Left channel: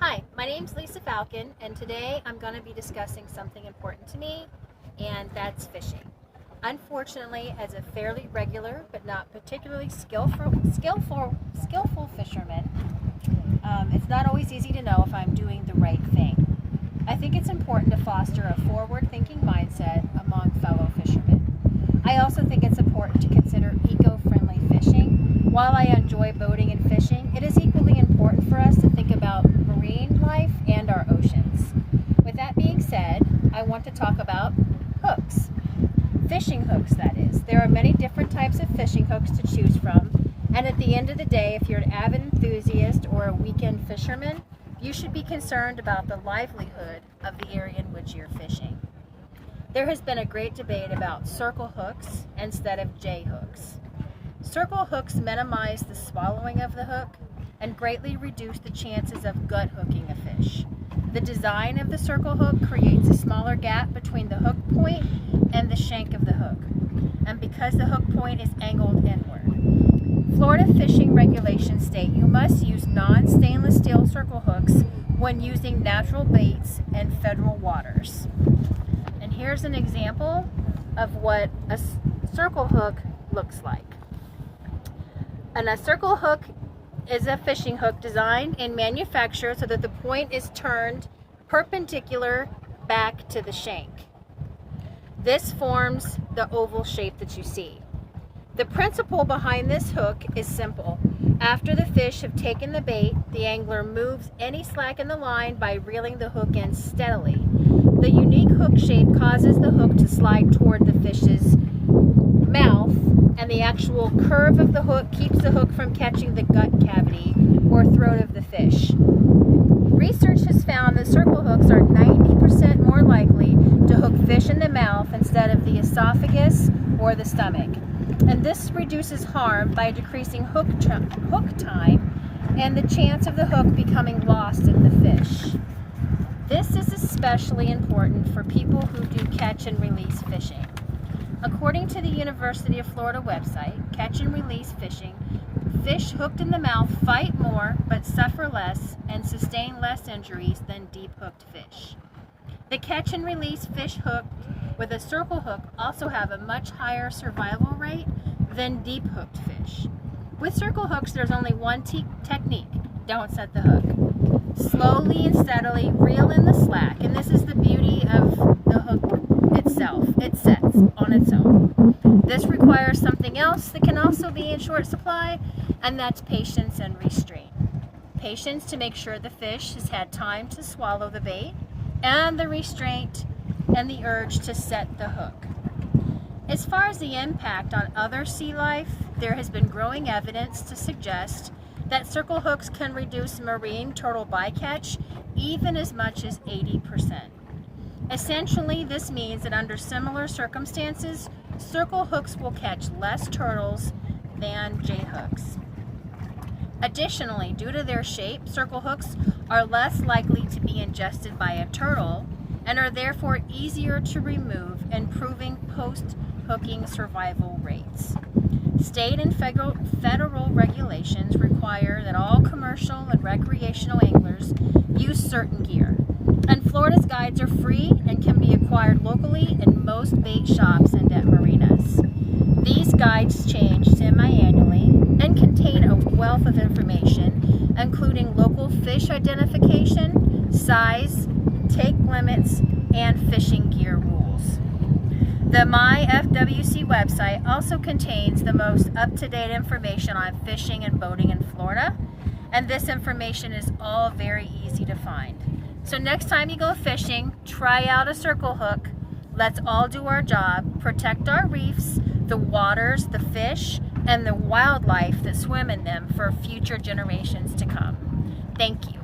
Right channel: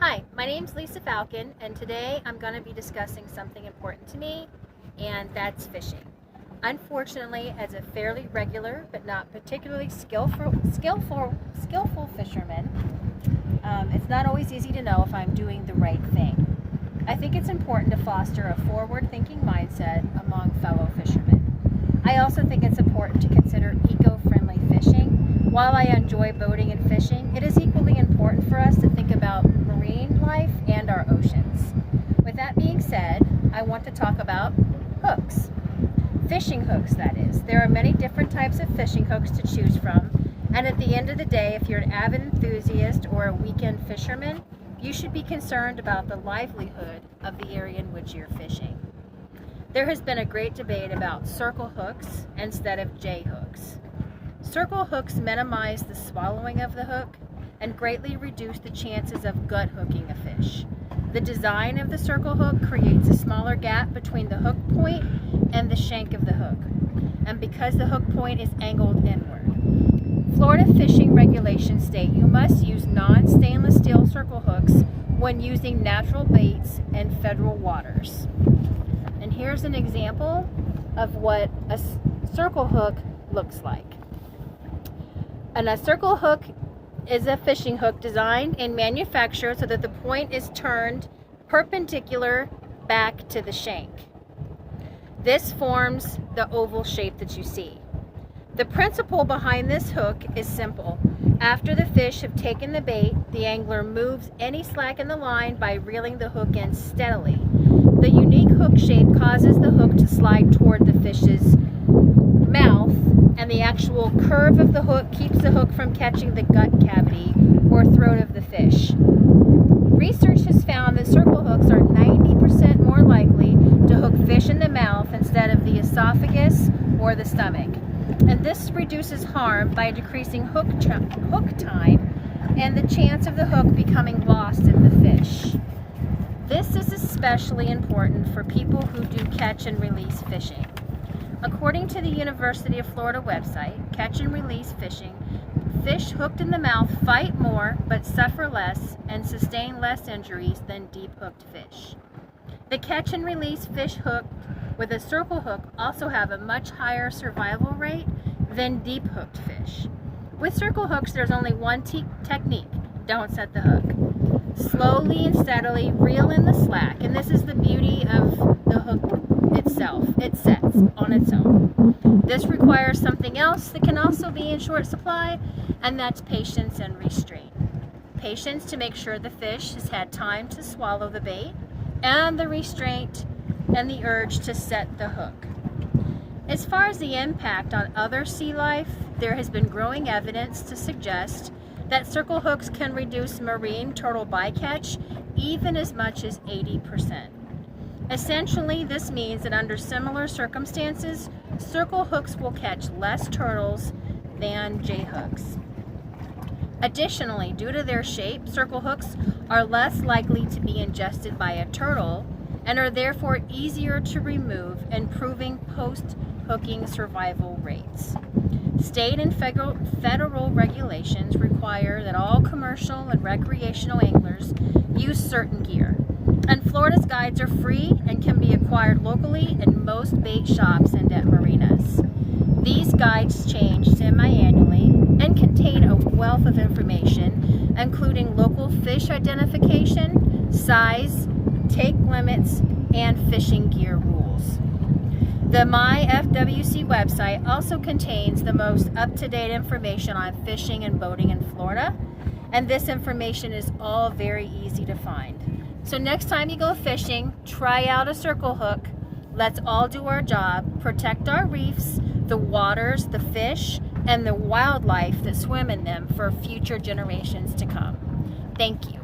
Hi, my name's Lisa Falcon, and today I'm going to be discussing something important to me, and that's fishing. Unfortunately, as a fairly regular but not particularly skillful fisherman, it's not always easy to know if I'm doing the right thing. I think it's important to foster a forward-thinking mindset among fellow fishermen. I also think it's important to consider eco-friendly fishing. While I enjoy boating and fishing, it is equally important for us to think about marine life and our oceans. With that being said, I want to talk about hooks. Fishing hooks, that is. There are many different types of fishing hooks to choose from, and at the end of the day, if you're an avid enthusiast or a weekend fisherman, you should be concerned about the livelihood of the area in which you're fishing. There has been a great debate about circle hooks instead of J hooks. Circle hooks minimize the swallowing of the hook and greatly reduce the chances of gut hooking a fish. The design of the circle hook creates a smaller gap between the hook point and the shank of the hook, and because the hook point is angled inward. Florida fishing regulations state you must use non-stainless steel circle hooks when using natural baits in federal waters. And here's an example of what a circle hook looks like. And a circle hook is a fishing hook designed and manufactured so that the point is turned perpendicular back to the shank. This forms the oval shape that you see. The principle behind this hook is simple. After the fish have taken the bait, the angler moves any slack in the line by reeling the hook in steadily. The unique hook shape causes the hook to slide toward the fish's mouth, and the actual curve of the hook keeps the hook from catching the gut cavity or throat of the fish. Research has found that circle hooks are 90% more likely to hook fish in the mouth instead of the esophagus or the stomach. And this reduces harm by decreasing hook time and the chance of the hook becoming lost in the fish. This is especially important for people who do catch and release fishing. According to the University of Florida website, Catch and Release Fishing, fish hooked in the mouth fight more but suffer less and sustain less injuries than deep-hooked fish. The catch and release fish hooked with a circle hook also have a much higher survival rate than deep-hooked fish. With circle hooks, there's only one technique. Don't set the hook. Slowly and steadily reel in the slack, and this is the beauty of the hook itself. It sets on its own. This requires something else that can also be in short supply, and that's patience and restraint. Patience to make sure the fish has had time to swallow the bait, and the restraint and the urge to set the hook. As far as the impact on other sea life, there has been growing evidence to suggest that circle hooks can reduce marine turtle bycatch even as much as 80%. Essentially, this means that under similar circumstances, circle hooks will catch less turtles than J hooks. Additionally, due to their shape, circle hooks are less likely to be ingested by a turtle and are therefore easier to remove, improving post-hooking survival rates. State and federal regulations require that all commercial and recreational anglers use certain gear. And Florida's guides are free and can be acquired locally in most bait shops and at marinas. These guides change semi-annually and contain a wealth of information, including local fish identification, size, take limits, and fishing gear rules. The MyFWC website also contains the most up-to-date information on fishing and boating in Florida, and this information is all very easy to find. So next time you go fishing, try out a circle hook. Let's all do our job, protect our reefs, the waters, the fish, and the wildlife that swim in them for future generations to come. Thank you.